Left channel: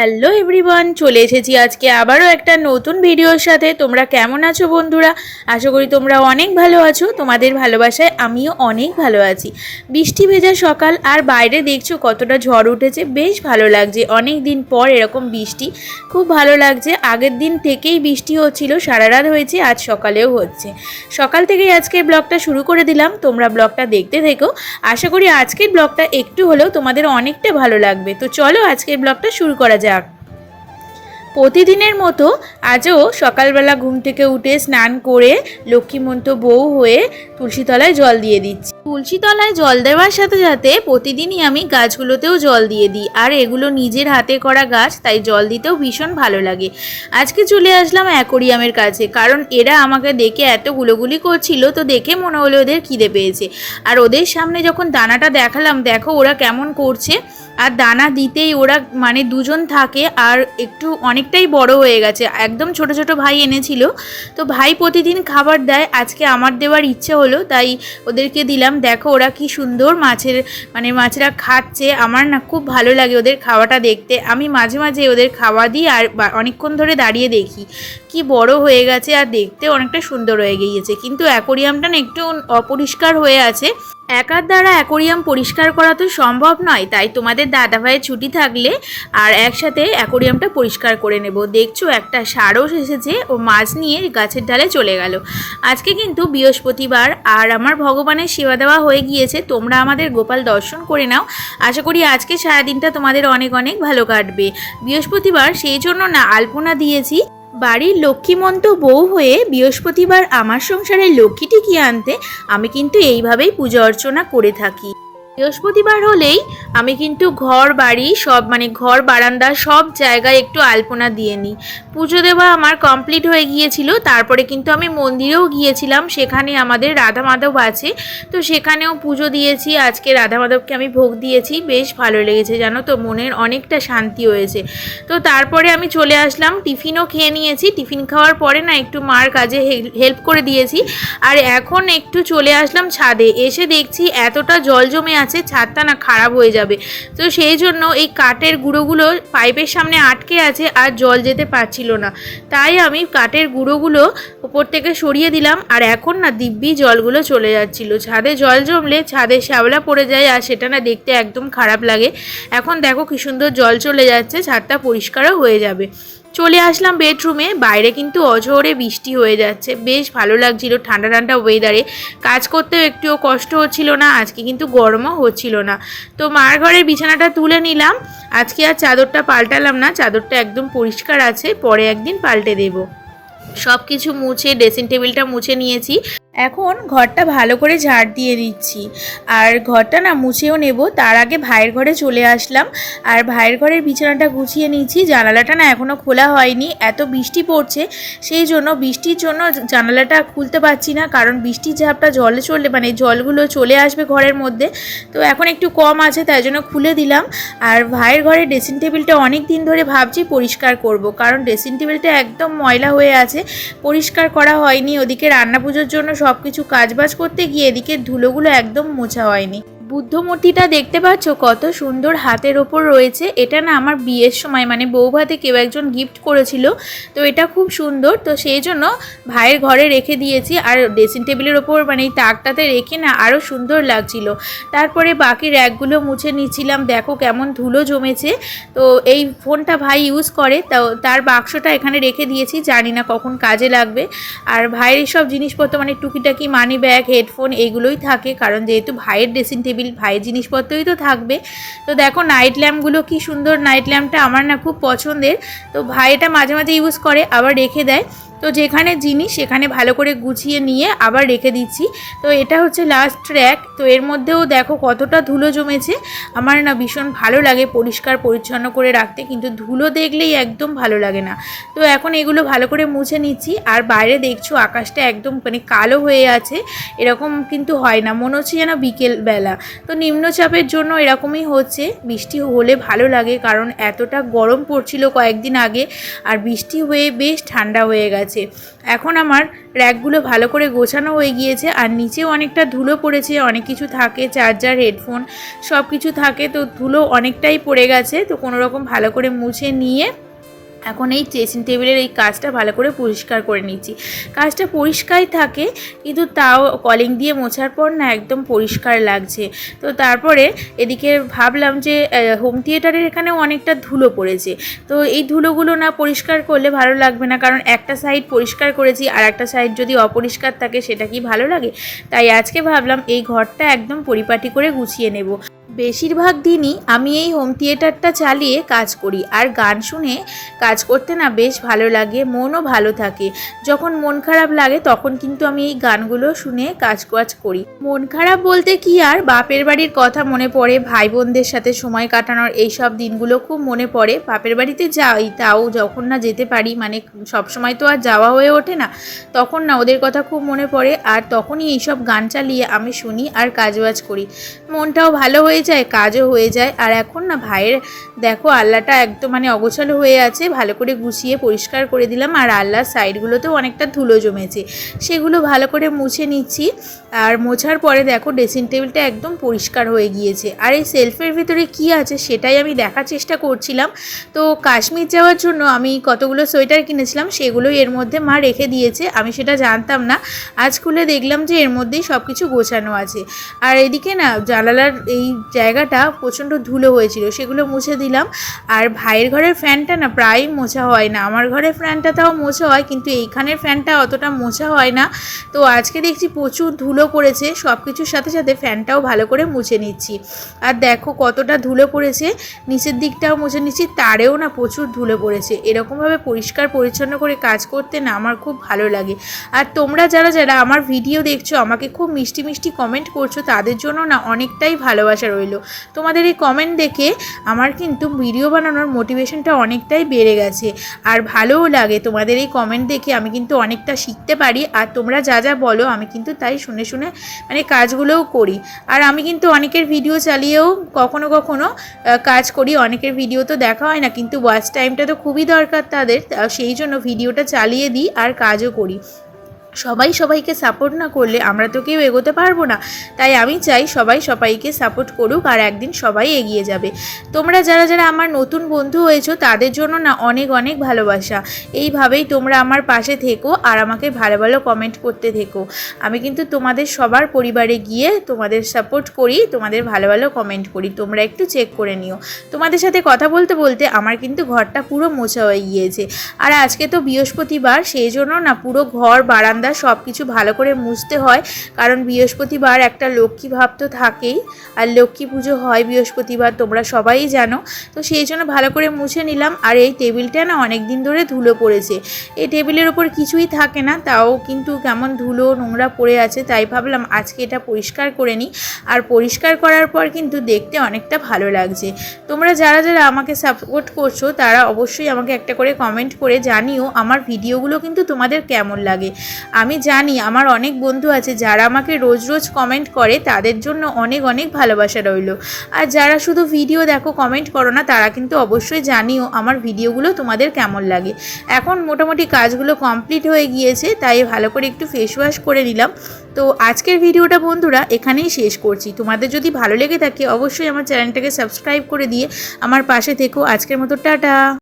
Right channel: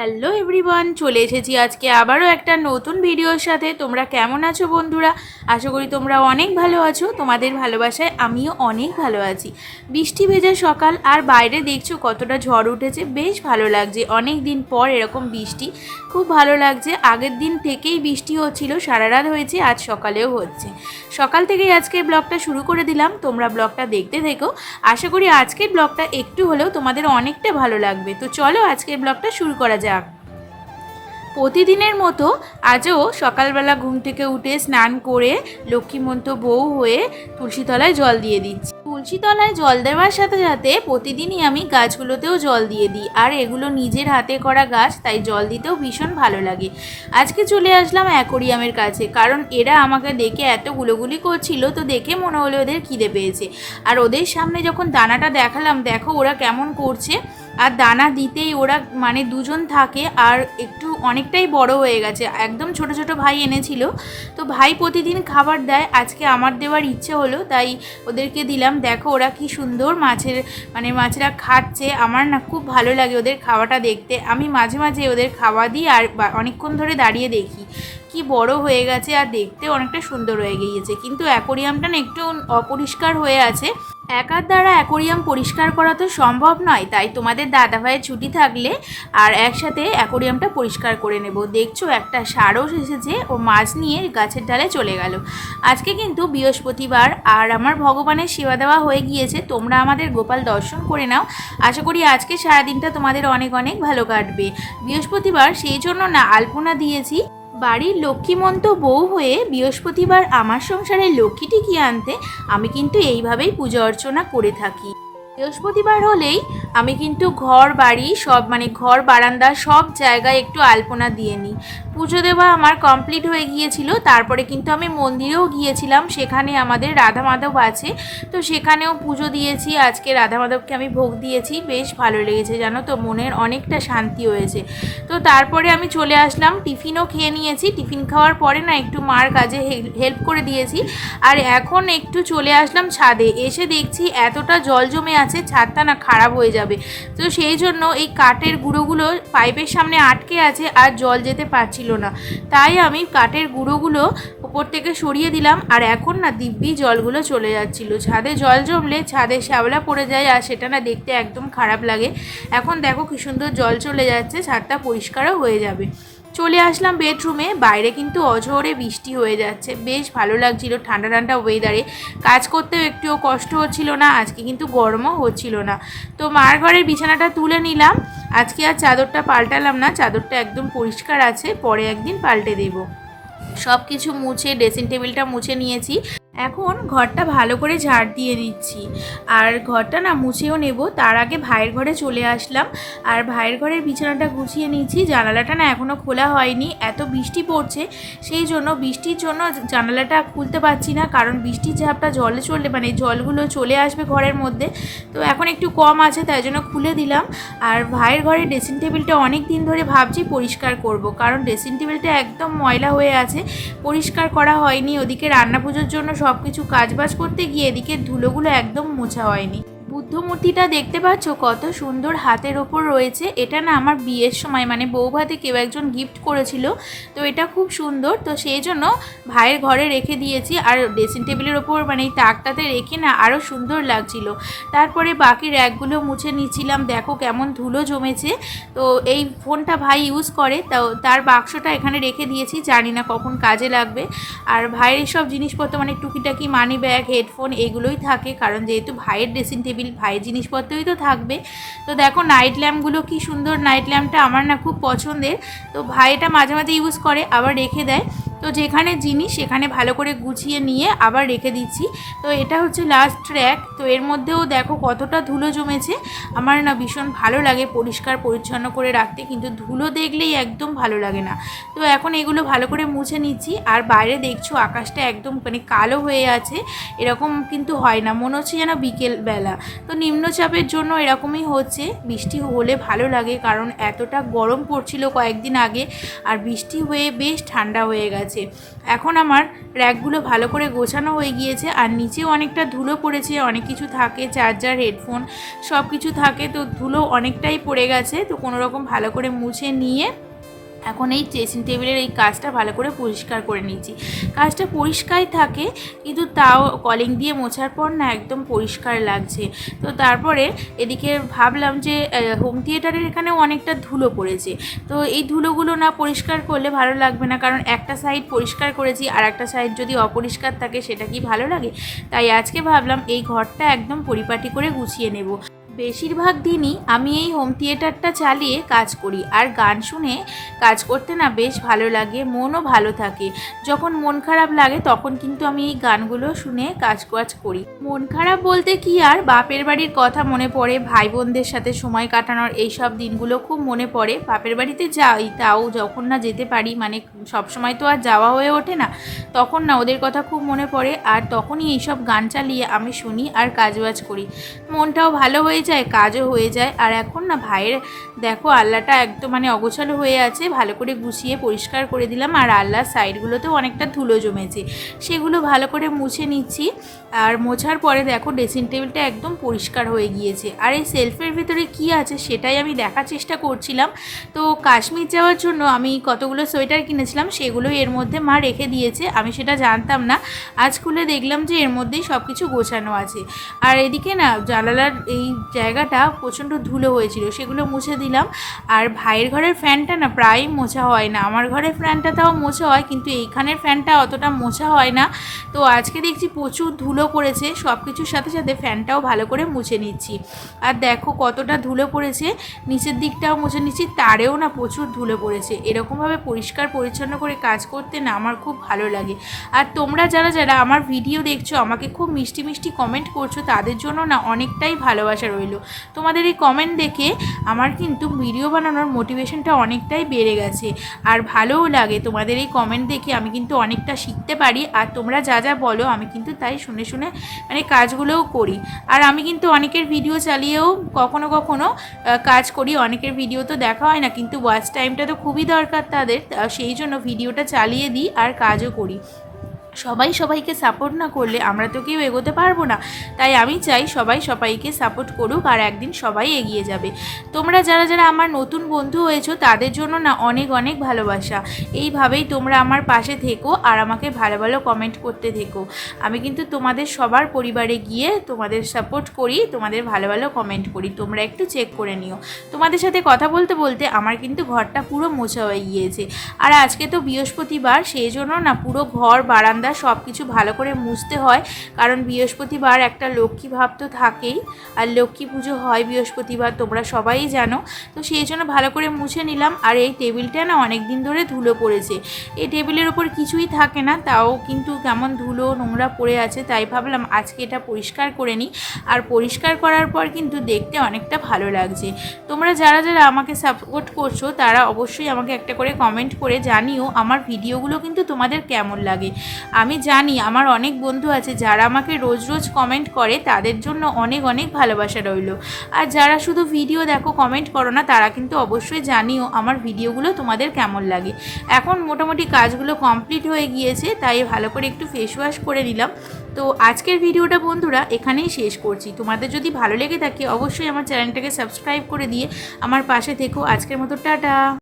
Hello everyone চলে এসেছি আজকে আবারও একটা নতুন ভিডিওর সাথে। তোমরা কেমন আছো বন্ধুরা? আশা করি তোমরা অনেক ভালো আছো। তোমাদের ভালোবাসায় আমিও অনেক ভালো আছি। বৃষ্টি ভেজা সকাল আর বাইরে দেখছ কতটা ঝড় উঠেছে, বেশ ভালো লাগছে। অনেক দিন পর এরকম বৃষ্টি, খুব ভালো লাগছে। আগের দিন থেকেই বৃষ্টি হচ্ছিল, সারা রাত হয়েছে, আজ সকালেও হচ্ছে। সকাল থেকেই আজকের ব্লগটা শুরু করে দিলাম। তোমরা ব্লগটা দেখতে থেকো। আশা করি আজকের ব্লগটা একটু হলেও তোমাদের অনেকটা ভালো লাগবে। তো চলো আজকের ব্লগটা শুরু করা যাক। প্রতিদিনের মতো আজও সকালবেলা ঘুম থেকে উঠে স্নান করে লক্ষ্মীমন্ত বউ হয়ে তুলসীতলায় জল দিয়ে দিচ্ছি। তুলসীতলায় জল দেওয়ার সাথে সাথে প্রতিদিনই আমি গাছগুলোতেও জল দিয়ে দিই। আর এগুলো নিজের হাতে করা গাছ, তাই জল দিতেও ভীষণ ভালো লাগে। আজকে চলে আসলাম অ্যাকোরিয়ামের কাছে, কারণ এরা আমাকে দেখে এত গুলোগুলি করছিল তো দেখে মনে হলো ওদের খিদে পেয়েছে। আর ওদের সামনে যখন দানাটা দেখালাম, দেখো ওরা কেমন করছে। আর দানা দিতেই ওরা মানে দুজন থাকে আর একটু অনেকটাই বড় হয়ে গেছে। একদম ছোট ছোট ভাই এনেছিল। তো ভাই প্রতিদিন খাবার দেয়। আজকে আমার দেওয়ার ইচ্ছে হলো, তাই ওদেরকে দিলাম। দেখো ওরা কি সুন্দর মাছের মানে মাছেরা খাচ্ছে। আমার না খুব ভালো লাগে ওদের খাওয়াটা দেখতে। আমি মাঝে মাঝে ওদের খাওয়া দিই আর অনেকক্ষণ ধরে দাঁড়িয়ে দেখি। কি বড় হয়ে গেছে আর দেখতে অনেকটা সুন্দর হয়ে গিয়েছে। কিন্তু অ্যাকোরিয়ামটা না একটু অপরিষ্কার হয়ে আছে। একার দ্বারা অ্যাকোরিয়াম পরিষ্কার করা তো সম্ভব নয়, তাই তোমাদের দাদাভাইয়ের ছুটি থাকলে আর একসাথে অ্যাকোরিয়ামটা পরিষ্কার করে নেব। দেখছ, একটা সারস এসেছে ও মাছ নিয়ে গাছের ডালে চলে গেল। আজকে কিন্তু বৃহস্পতিবার আর আমার ভগবানের সেবা দেওয়া হয়ে গিয়েছে, তোমরা আমাদের গোপাল দর্শন করে নাও। আশা করি আজকে সারাদিনটা তোমাদের অনেক অনেক ভালো কাটবে। বৃহস্পতিবার, সেই জন্য না, আলপনা দিয়েছি। বাড়ির লক্ষ্মীমন্ত বউ হয়ে বৃহস্পতিবার আমার সংসারে লক্ষ্মী টিকিয়ে আনতে, আমি কিন্তু এইভাবেই পূজা অর্চনা করে থাকি। বৃহস্পতিবার হলেই আমি কিন্তু ঘর, বাড়ি সব মানে ঘর, বারান্দা সব জায়গায় একটু আলপনা দিয়ে নিই। পুজো দেওয়া আমার কমপ্লিট হয়ে গিয়েছিল, তারপরে কিন্তু আমি মন্দিরেও গিয়েছিলাম, সেখানে আমাদের রাধা মাধব আছে। তো সেখানেও পুজো দিয়েছি, আজকে রাধা মাধবকে আমি ভোগ দিয়েছি, বেশ ভালো লেগেছে জানো তো, মনের অনেকটা শান্তি হয়েছে। তো তারপরে আমি চলে আসলাম, টিফিনও খেয়ে নিয়েছি, টিফিন খাওয়ার পরে না একটু মার কাজে হেল্প করে দিয়েছি। আর এখন একটু চলে আসলাম ছাদে, এসে দেখছি এতটা জল জমে আছে ছাদটা না খারাপ হয়ে যাবে। তো সেই জন্য এই কাঠের গুঁড়োগুলো পাইপের সামনে আটকে আছে আর জল যেতে পারছিল না। তাই আমি কাঠের গুঁড়োগুলো উপর থেকে সরিয়ে দিলাম আর এখন না দিব্যি জলগুলো চলে যাচ্ছিল। ছাদে জল জমলে ছাদে শ্যাওলা পড়ে যায় আর সেটা না দেখতে একদম খারাপ লাগে। এখন দেখো কি সুন্দর জল চলে যাচ্ছে, ছাদটা পরিষ্কারও হয়ে যাবে। চলে আসলাম বেডরুমে। বাইরে কিন্তু অঝোরে বৃষ্টি হয়ে যাচ্ছে। বেশ ভালো লাগছিল ঠান্ডা ঠান্ডা ওয়েদারে কাজ করতেও একটুও কষ্ট হচ্ছিল না, আজকে কিন্তু গরমও হচ্ছিল না। তো মার ঘরের বিছানাটা তুলে নিলাম। আজকে আর চাদরটা পাল্টালাম না, চাদরটা একদম পরিষ্কার আছে, পরে একদিন পাল্টে দেবো। সব কিছু মুছে ড্রেসিং টেবিলটা মুছে নিয়েছি। এখন ঘরটা ভালো করে ঝাড় দিয়ে দিচ্ছি। আর ঘরটা না মুছেও নেব, তার আগে ভাইয়ের ঘরে চলে আসলাম। আর ভাইয়ের ঘরের বিছানাটা গুছিয়ে নিয়েছি, জানালাটা না এখনও খোলা হয়নি, এত বৃষ্টি পড়ছে, সেই জন্য বৃষ্টির জন্য জানালাটা খুলতে পারছি না, কারণ বৃষ্টির ঝাপটা জলে চললে মানে জলগুলো চলে আসবে ঘরের মধ্যে। তো এখন একটু কম আছে, তাই জন্য খুলে দিলাম। আর ভাইয়ের ঘরে ড্রেসিং টেবিলটা অনেক দিন ধরে ভাবছি পরিষ্কার করব, কারণ ড্রেসিং টেবিলটা একদম ময়লা হয়ে আছে, পরিষ্কার করা হয়নি, ওদিকে রান্না পুজোর জন্য সব কিছু কাজবাজ করতে গিয়ে এদিকে ধুলোগুলো একদম মোছা হয়নি। বুদ্ধ মূর্তিটা দেখতে পাচ্ছ? কত সুন্দর হাতের ওপর রয়েছে। এটা না আমার বিয়ের সময় মানে বৌভাতে কেউ একজন গিফট করেছিল। তো এটা খুব সুন্দর। তো সেই জন্য ভাইয়ের ঘরে রেখে দিয়েছি। আর ড্রেসিং টেবিলের ওপর মানে এই তাকটাতে রেখে না আরও সুন্দর লাগছিল। তারপরে বাকি র্যাকগুলো মুছে নিচ্ছিলাম। দেখো কেমন ধুলো জমেছে। তো এই ফোনটা ভাই ইউজ করে। তো তার বাক্সটা এখানে রেখে দিয়েছি। জানি না কখন কাজে লাগবে। আর ভাইয়ের সব জিনিসপত্র মানে টুকিটাকি মানি ব্যাগ হেডফোন এগুলোই থাকে। কারণ যেহেতু ভাইয়ের ড্রেসিং টেবিল ভাইয়ের জিনিসপত্রই তো থাকবে। তো দেখো নাইট ল্যাম্পগুলো কি সুন্দর। নাইট ল্যাম্পটা আমার না খুব পছন্দের। তো ভাই এটা মাঝে মাঝে ইউজ করে, আবার রেখে দেয়। তো যেখানে জিনিস, সেখানে ভালো করে গুছিয়ে নিয়ে আবার রেখে দিচ্ছি। তো এটা হচ্ছে লাস্ট ট্র্যাক তো এর মধ্যেও দেখো কতটা ধুলো জমেছে। আমার না ভীষণ ভালো লাগে পরিষ্কার, পরিচ্ছন্ন করে রাখতে। কিন্তু ধুলো দেখলেই একদম ভালো লাগে না। তো এখন এগুলো ভালো করে মুছে নিচ্ছি। আর বাইরে দেখছ আকাশটা একদম মানে কালো হয়ে আছে। এরকম কিন্তু হয় না। মনে হচ্ছে যেন বিকেল বেলা। তো নিম্নচাপের জন্য এরকমই হচ্ছে। বৃষ্টি হলে ভালো লাগে কারণ এতটা গরম পড়ছিল কয়েকদিন আগে আর বৃষ্টি হয়ে বেশ ঠান্ডা হয়ে গেছে। এখন আমার র্যাকগুলো ভালো করে গোছানো হয়ে গিয়েছে আর নিচেও অনেকটা ধুলো পড়েছে, অনেক কিছু থাকে চার্জার হেডফোন সব কিছু থাকে, তো ধুলো অনেকটাই পড়ে গেছে। তো কোনো রকম ভালো করে মুছে নিয়ে এখন এই ড্রেসিং টেবিলের এই কাজটা ভালো করে পরিষ্কার করে নিচ্ছি কাজটা পরিষ্কারই থাকে, কিন্তু তাও কলিং দিয়ে মোছার পর না একদম পরিষ্কার লাগছে। তো তারপরে এদিকে ভাবলাম যে হোম থিয়েটারের এখানেও অনেকটা ধুলো পড়েছে। তো এই ধুলোগুলো না পরিষ্কার করলে ভালো লাগবে না, কারণ একটা সাইড পরিষ্কার করেছি, আর একটা সাইড যদি অপরিষ্কার থাকে সেটা কি ভালো লাগে? তাই আজকে ভাবলাম এই ঘরটা একদম পরিপাটি করে গুছিয়ে নেব। বেশিরভাগ দিনই আমি এই হোম থিয়েটারটা চালিয়ে কাজ করি। আর গান শুনে কাজ করতে না বেশ ভালো লাগে, মনও ভালো থাকে। যখন মন খারাপ লাগে তখন কিন্তু আমি এই গানগুলো শুনে কাজ কাজ করি। মন খারাপ বলতে কি আর? বাপের বাড়ির কথা মনে পড়ে ভাই বোনদের সাথে সময় কাটানোর এই সব দিনগুলো খুব মনে পড়ে। বাপের বাড়িতে যাই, তাও যখন না যেতে পারি মানে সব সময় তো আর যাওয়া হয়ে ওঠে না, তখন না ওদের কথা খুব মনে পড়ে। আর তখনই এইসব গান চালিয়ে আমি শুনি আর কাজবাজ করি। মনটাও ভালো হয়ে যায়, কাজও হয়ে যায়। আর এখন না ভাইয়ের, দেখো আল্লাটা একদম মানে অগোছালো হয়ে আছে, ভালো করে গুছিয়ে পরিষ্কার করে দিলাম। আর আল্লাহর সাইডগুলোতেও অনেকটা ধুলো জমেছে। সেগুলো ভালো করে মুছে নিচ্ছি। আর মোছার পরে দেখো ড্রেসিং টেবিলটা একদম পরিষ্কার হয়ে গিয়েছে। আর এই সেলফের ভিতরে কি আছে সেটাই আমি দেখার চেষ্টা করছিলাম। তো কাশ্মীর যাওয়ার জন্য আমি কতগুলো সোয়েটার কিনেছিলাম সেগুলোই এর মধ্যে মা রেখে দিয়েছে। আমি সেটা জানতাম না। আজ খুলে দেখলাম যে এর মধ্যেই সব কিছু গোছানো আছে। আর এদিকে না জানালার এই জায়গাটা প্রচণ্ড ধুলো হয়েছিল, সেগুলো মুছে দিলাম। আর ভাইয়ের ঘরের ফ্যানটা না প্রায়ই মোছা হয় না। আমার ঘরের ফ্যানটা তাও মোছা হয়, কিন্তু এইখানের ফ্যানটা অতটা মোছা হয় না। তো আজকে দেখছি প্রচুর ধুলো পড়েছে সব কিছুর সাথে সাথে ফ্যানটাও ভালো করে মুছে নিচ্ছি। আর দেখো কতটা ধুলো পড়েছে, নিচের দিকটাও মুছে নিচ্ছি, তারেও না প্রচুর ধুলো পড়েছে। এরকমভাবে পরিষ্কার পরিচ্ছন্ন করে কাজ করতে না আমার খুব ভালো লাগে। আর তোমরা যারা যারা আমার ভিডিও দেখছ, আমাকে খুব মিষ্টি মিষ্টি কমেন্ট করছ, তাদের জন্য না অনেকটাই ভালোবাসা রইল। তোমাদের এই কমেন্ট দেখে আমার কিন্তু ভিডিও বানানোর মোটিভেশনটা অনেকটাই বেড়ে গেছে। আর ভালোও লাগে। তোমাদের এই কমেন্ট দেখে আমি কিন্তু অনেকটা শিখতে পারি। আর তোমরা যা যা বলো, আমি কিন্তু তাই শুনে শুনে মানে কাজগুলোও করি। আর আমি কিন্তু অনেকের ভিডিও চালিয়েও কখনো কখনো কাজ করি। অনেকের ভিডিও তো দেখা হয় না, কিন্তু ওয়াচ টাইমটা তো খুবই দরকার তাদের। সেই জন্য ভিডিওটা চালিয়ে দিই আর কাজও করি। সবাই সবাইকে সাপোর্ট না করলে আমরা তো কেউ এগোতে পারব না। তাই আমি চাই সবাই সবাইকে সাপোর্ট করুক আর একদিন সবাই এগিয়ে যাবে। তোমরা যারা যারা আমার নতুন বন্ধু হয়েছো, তাদের জন্য না অনেক অনেক ভালোবাসা। এইভাবেই তোমরা আমার পাশে থেকো আর আমাকে ভালো ভালো কমেন্ট করতে থেকো। আমি কিন্তু তোমাদের সবার পরিবারে গিয়ে তোমাদের সাপোর্ট করি, তোমাদের ভালো ভালো কমেন্ট করি। তোমরা একটু চেক করে নিও। তোমাদের সাথে কথা বলতে বলতে আমার কিন্তু ঘরটা পুরো মোছা হয়ে গিয়েছে। আর আজকে তো বৃহস্পতিবার, সেই জন্য না পুরো ঘর বারান্দা সব কিছু ভালো করে মুছতে হয়, কারণ বৃহস্পতিবার একটা লক্ষ্মী ভাব তো থাকেই, আর লক্ষ্মী পুজো হয় বৃহস্পতিবার, তোমরা সবাই জানো। তো সেই জন্য ভালো করে মুছে নিলাম, আর এই টেবিলটা না অনেক দিন ধরে ধুলো পড়েছে। এই টেবিলের ওপর কিছুই থাকে না, তাও কিন্তু কেমন ধুলো নোংরা পড়ে আছে, তাই ভাবলাম আজকে এটা পরিষ্কার করে নিই। আর পরিষ্কার করার পর কিন্তু দেখতে অনেকটা ভালো লাগছে। তোমরা যারা যারা আমাকে সাপোর্ট করছ, তারা অবশ্যই আমাকে একটা করে কমেন্ট করে জানিও, আমার ভিডিওগুলো কিন্তু তোমাদের কেমন লাগে। আমি জানি আমার অনেক বন্ধু আছে যারা আমাকে রোজ রোজ কমেন্ট করে, তাদের জন্য অনেক অনেক ভালোবাসা রইল। আর যারা শুধু ভিডিও দেখো কমেন্ট করো না, তারা কিন্তু অবশ্যই জানিও আমার ভিডিওগুলো তোমাদের কেমন লাগে। এখন মোটামুটি কাজগুলো কমপ্লিট হয়ে গিয়েছে, তাই ভালো করে একটু ফেস ওয়াশ করে নিলাম। তো আজকের ভিডিওটা বন্ধুরা, এখানেই শেষ করছি। তোমাদের যদি ভালো লেগে থাকে, অবশ্যই আমার চ্যানেলটাকে সাবস্ক্রাইব করে দিয়ে আমার পাশে থেকো। আজকের মতো টাটা।